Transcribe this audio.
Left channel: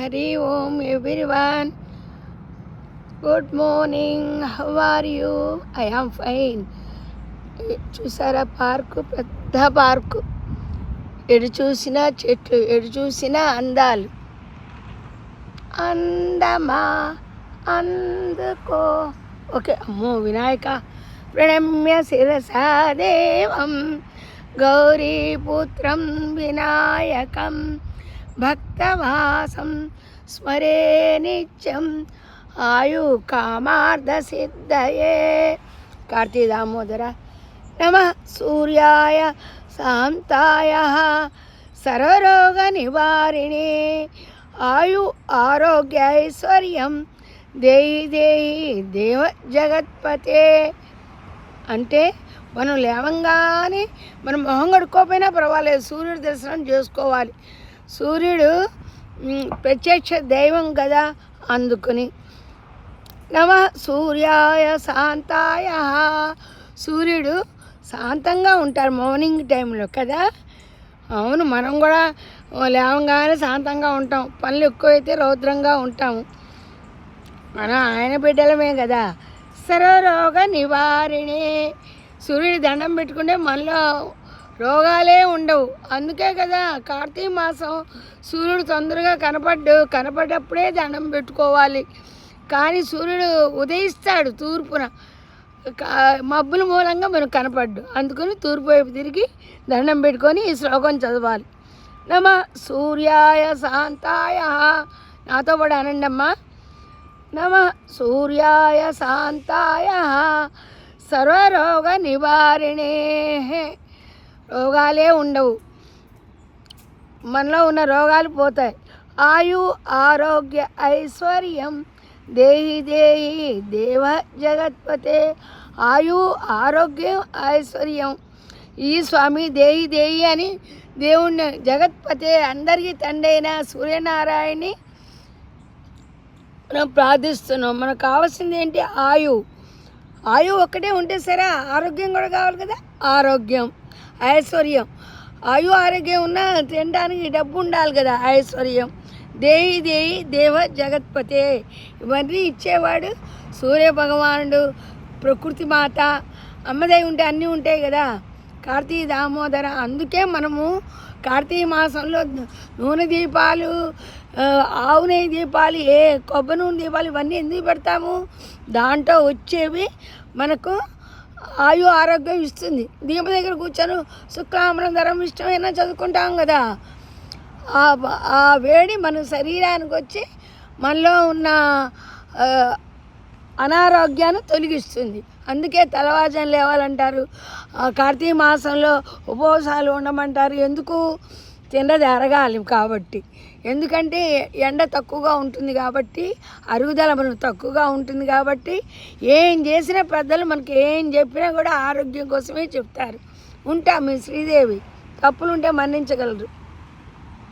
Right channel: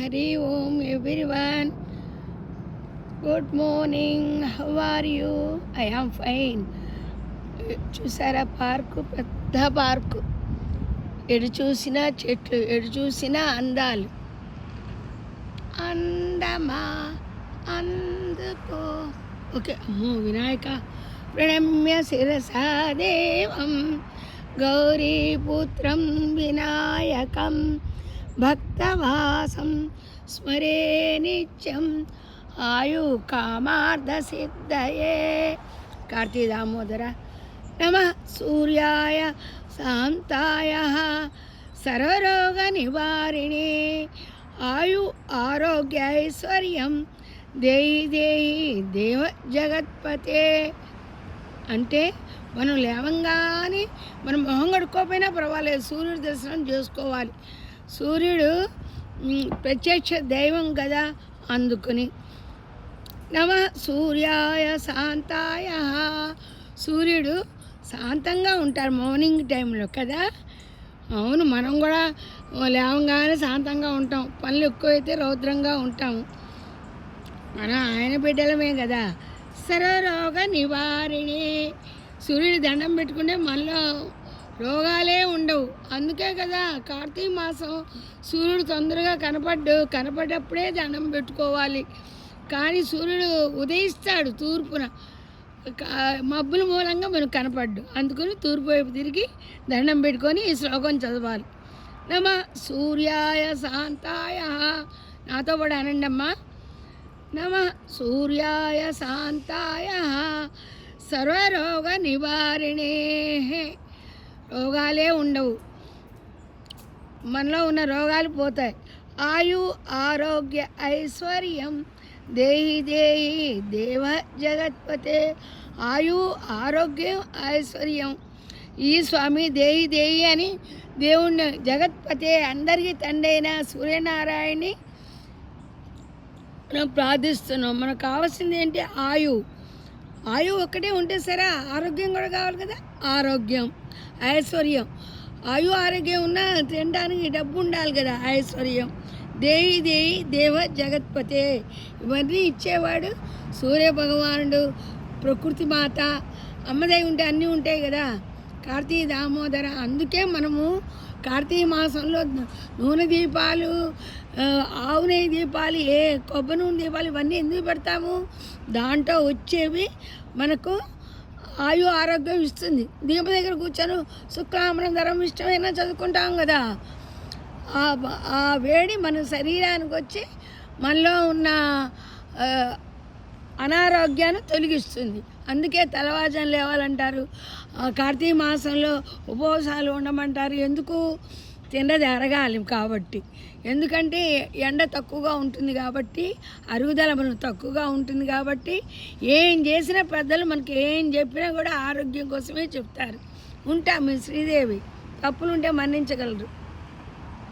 Hari Om everyone. Good morning. How are you? I am fine. చూసారా park, పెద్ద park. ఎటు చూసినా చెట్లు, ఎటు చూసినా అందాలు. అందమా అందుకో. ఓకే, అమ్మో వినాయక ప్రణమ్య శిరసా దేవం గౌరీపుత్రం వినాయకం భక్తవాసం స్మరే నిత్యం ఆయు కామార్థ సిద్ధయే. కార్తీ దామోదర నమ సూర్యాయ శాంతాయ సర్వరోగ నివారిణే ఆయు ఆరోగ్య ఐశ్వర్యం దేహి దేహి దేవ జగత్పతే. అంటే మనం లేవంగానే మనం మొహం కడుక్కోపోయినా పర్వాలేదు, సూర్యుడి దర్శనం చేసుకోవాలి. సూర్యుడు ప్రత్యక్ష దైవం కదా, అందుకుని నమ సూర్యాయ శాంతాయ. సూర్యుడు శాంతంగా ఉంటారు మార్నింగ్ టైంలో కదా. అవును, మనం కూడా లేవంగానే శాంతంగా ఉంటాం, పనులు ఎక్కువైతే రౌద్రంగా ఉంటాము. మనం ఆయన బిడ్డలమే కదా. సర్వరోగ నివారిణే. సూర్యుడి దండం పెట్టుకుంటే మనలో రోగాలే ఉండవు. అందుకే కదా కార్తీక మాసం సూర్యుడు తొందరగా కనపడ్డప్పుడే దండం పెట్టుకోవాలి. కానీ సూర్యుడు ఉదయిస్తాడు తూర్పున, మబ్బుల మూలంగా మనకు కనపడ్డు. అందుకని తూర్పు వైపు తిరిగి దండం పెట్టుకొని ఈ శ్లోకం చదవాలి. నమ సూర్యాయ శాంతాయ. నాతో పాటు అనండి అమ్మా. నమ సూర్యాయ శాంతాయ సర్వరోగ నివారిణే. రోగాలే ఉండవు, మనలో ఉన్న రోగాలు పోతాయి. ఆయు ఆరోగ్య ఐశ్వర్యం దేహి దేహి దేవ జగత్పతే. ఆయు ఆరోగ్యం ఐశ్వర్యం. ఈ స్వామి దేహి దేహి అని దేవుణ్ణి జగత్పతే అందరికీ తండ్రి అయిన సూర్యనారాయణని మనం ప్రార్థిస్తున్నాం. మనకు కావాల్సింది ఏంటి? ఆయు ఒక్కటే ఉంటే సరే, ఆరోగ్యం కూడా కావాలి కదా. ఆరోగ్యం ఐశ్వర్యం. ఆరోగ్యం ఉన్నా తినడానికి డబ్బు ఉండాలి కదా. ఐశ్వర్యం దేహి దేహి దేవ జగత్పతే. ఇవన్నీ ఇచ్చేవాడు సూర్య భగవానుడు, ప్రకృతి మాత, అమ్మదై ఉంటే అన్నీ ఉంటాయి కదా. కార్తీక దామోదర. అందుకే మనము కార్తీక మాసంలో నూనె దీపాలు, ఆవు నెయ్యి దీపాలు, కొబ్బరి నూనె దీపాలు ఇవన్నీ ఎందుకు పెడతాము? దాంట్లో వచ్చేవి మనకు ఆయు ఆరోగ్యం ఇస్తుంది. దీపం దగ్గర కూర్చొని శుక్లాంబరం ధరం ఇష్టమైనా చదువుకుంటాం కదా. ఆ వేడి మన శరీరానికి వచ్చి మనలో ఉన్న అనారోగ్యాన్ని తొలగిస్తుంది. అందుకే తెల్లవారుజామున లేవాలంటారు. కార్తీక మాసంలో ఉపవాసాలు ఉండమంటారు. ఎందుకు? తిన్నది అరగాలి కాబట్టి. ఎందుకంటే ఎండ తక్కువగా ఉంటుంది కాబట్టి, అరుగుదల మనకు తక్కువగా ఉంటుంది కాబట్టి, ఏం చేసినా పెద్దలు మనకి ఏం చెప్పినా కూడా ఆరోగ్యం కోసమే చెప్తారు. ఉంటా మీ శ్రీదేవి. తప్పులుంటే మన్నించగలరు.